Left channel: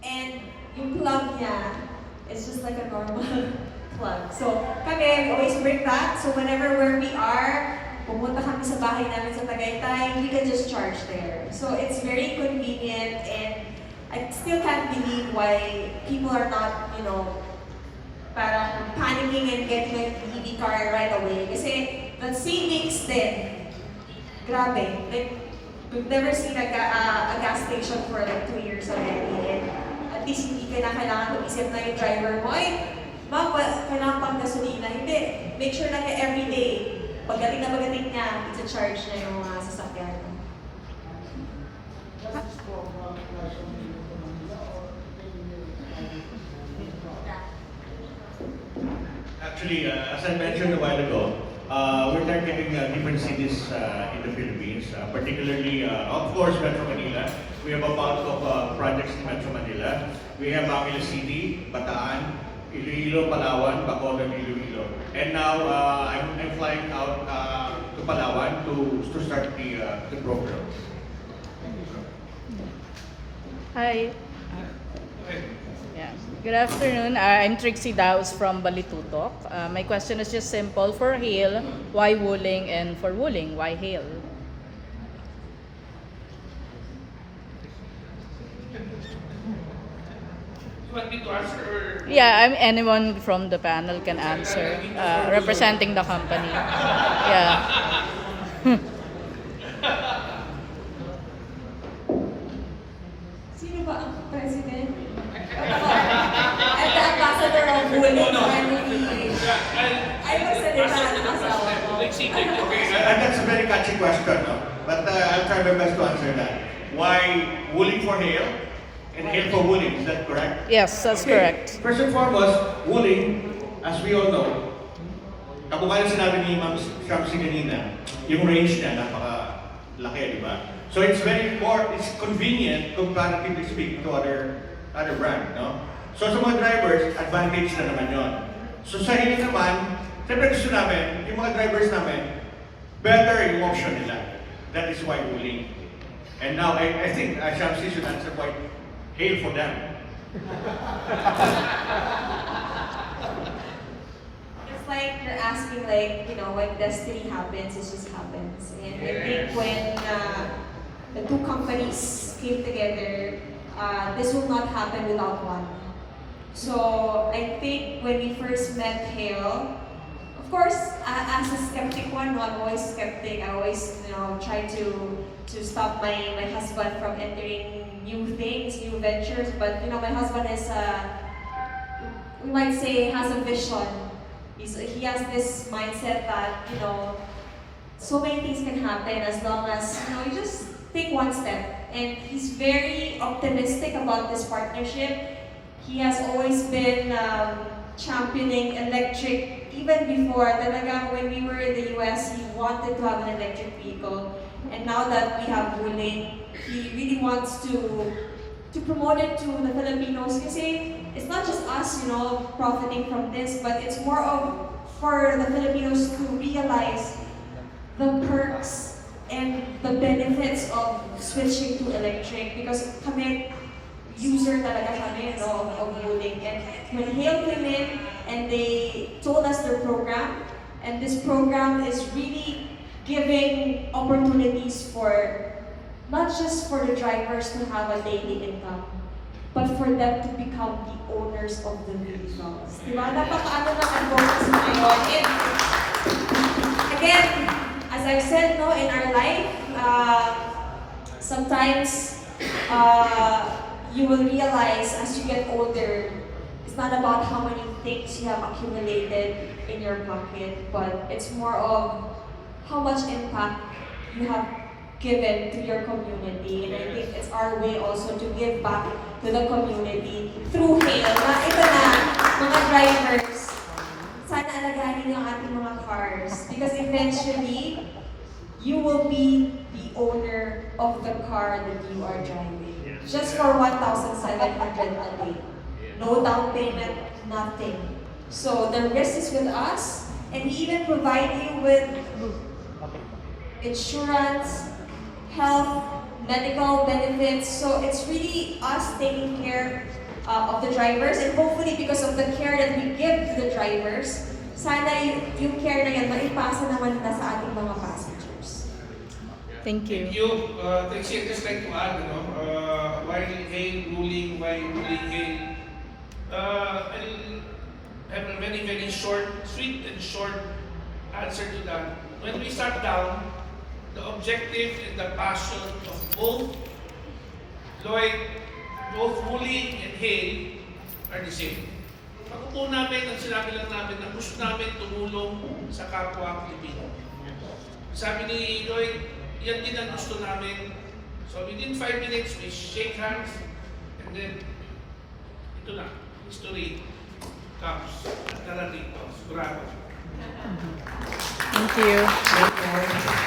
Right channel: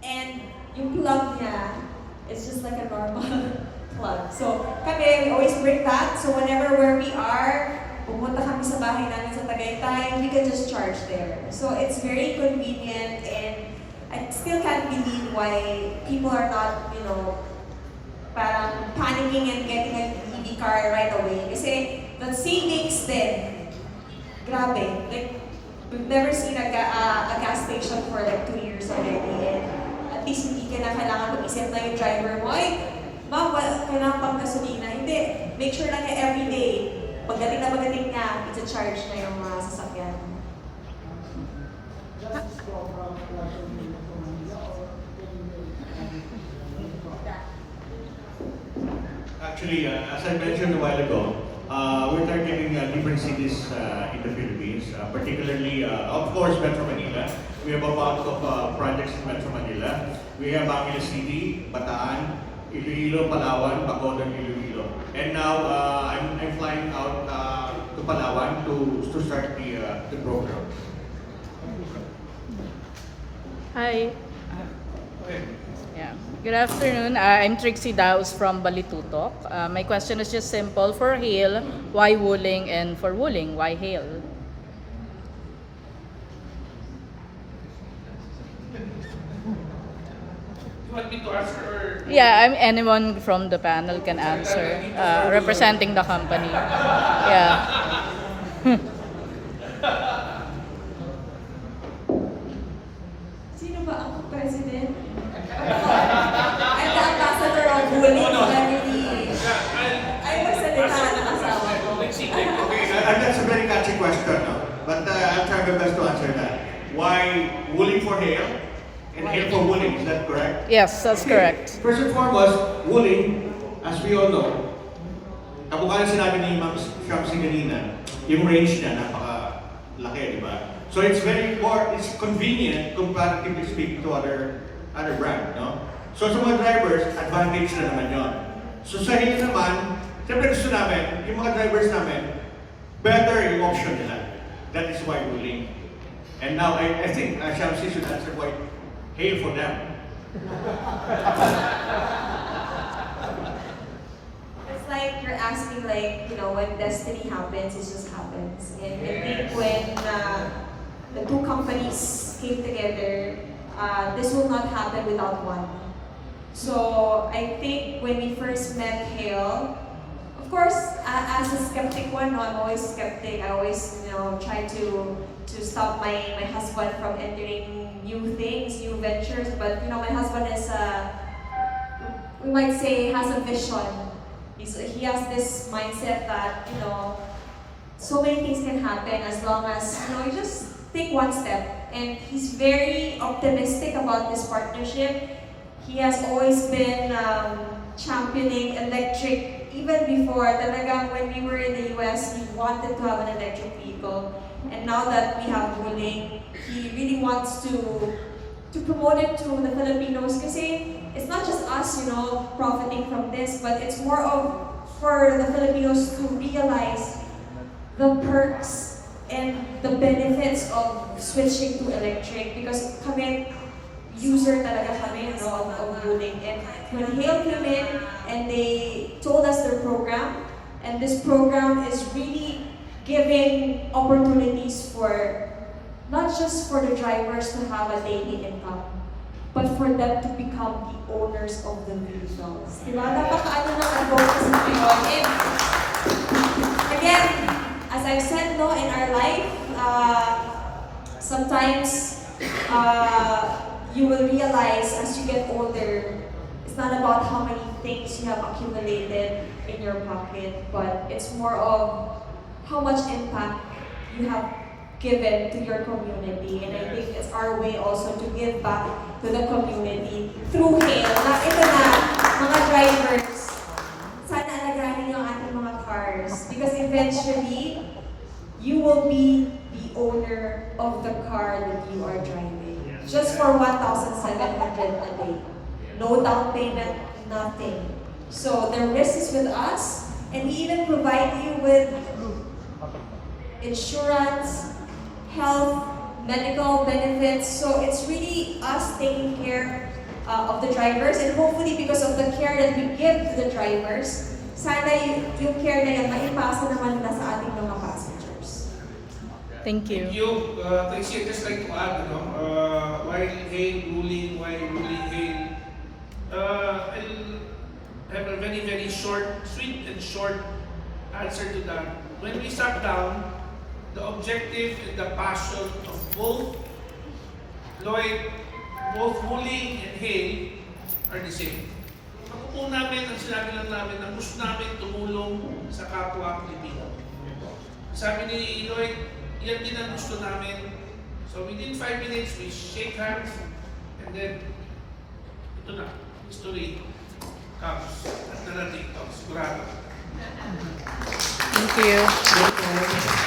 And yung plug niya is just like a normal plug. So kami, we always bring that. So whenever where we are, pumunta kami sa bahay namin sa Tagaytay, you can just charge there. So it's very convenient, and I still can't believe why people are not, parang panicking and getting an EV car right away. Kasi the savings din, grabe. Like, we've never seen a gas station for like 2 years already. And at least hindi ka na kailangan mag-isip na yung driver mo, ma'am, kailangan pang gasolina. Hindi. Make sure na niya everyday. Pagdating na pagdating niya, isa-charge na yung mga sasakyan. Actually, as I mentioned a while ago, we're targeting different cities in the Philippines, particularly, of course, Metro Manila. We have a lot of projects in Metro Manila. We have Manila City, Bataan, Iloilo, Palawan, Bacolod, Iloilo. And now I'm flying out to Palawan to start the program. Hi. Yeah. Good afternoon. I'm Trixie Daos from Balitutok. My question is just simple. For Hale, why Wuling? And for Wuling, why Hale? You want me to answer or? Yeah, anyone from the panel can answer, representing the company. Yeah. Sino ba ang president? At the ambassador of Wuling family. Ay, magsalita ang asawa ko. Okay, that's a very catchy question, no? But I'll try my best to answer that. Why Wuling for Hale and Hale for Wuling? Is that correct? Yes, that's correct. First and foremost, Wuling, as we all know, kamukha na sinabi ni Ma'am Shamsi kanina, yung range niya napaka-laki, di ba? So it's it's convenient comparatively speaking to other brand, no? So sa mga drivers, advantage na naman yun. So sa Hale naman, siyempre gusto namin, yung mga drivers namin, better yung option nila. That is why Wuling. And now, I think Shamsi should answer why Hale for them. It's like you're asking, like, when destiny happens, it just happens. And I think when the two companies came together, this will not happen without one. So I think when we first met Hale, of course, as a skeptic one, no, I'm always skeptic. I always, try to stop my husband from entering new things, new ventures. But my husband is, we might say, has a vision. He has this mindset that so many things can happen as long as you just take one step. And he's very optimistic about this partnership. He has always been championing electric. Even before, talagang when we were in the US, he wanted to have an electric vehicle. And now that we have Wuling, he really wants to promote it to the Filipinos. Kasi it's not just us, profiting from this, but it's more of for the Filipinos to realize the perks and the benefits of switching to electric. Because kami, user talaga kami, of Wuling. And when Hale came in and they told us their program, and this program is really giving opportunities for not just for the drivers to have a daily income, but for them to become the owners of the vehicles. Diba? Napakaano na ang focus na ngayon. And again, as I've said, in our life, sometimes you will realize as you get older, it's not about how many things you have accumulated in your pocket, but it's more of how much impact you have given to your community. And I think it's our way also to give back to the community through Hale. Na ito na, mga drivers, sana alagahin yung ating mga cars. Because eventually, you will be the owner of the car that you are driving. Just for 1,700 a day. No down payment, nothing. So the risk is with us, and we even provide you with insurance, health, medical benefits. So it's really us taking care of the drivers, and hopefully because of the care that we give to the drivers, sana yung care na yan maipasa naman na sa ating mga passengers. Thank you. Thank you. Trixie, I'd just like to add, why hail ruling, why ruling hail? I'll have a very, very short, sweet and short answer to that. When we sat down, the objective and the passion of both Lloyd, both ruling and hail are the same. Pag-upo namin, ang sinabi lang namin na gusto namin tumulong sa kapwa Pilipino. Sabi ni Lloyd, yan din ang gusto namin. So within 5 minutes, we shake hands and then ito na, history comes at narating to, sigurado. Thank you.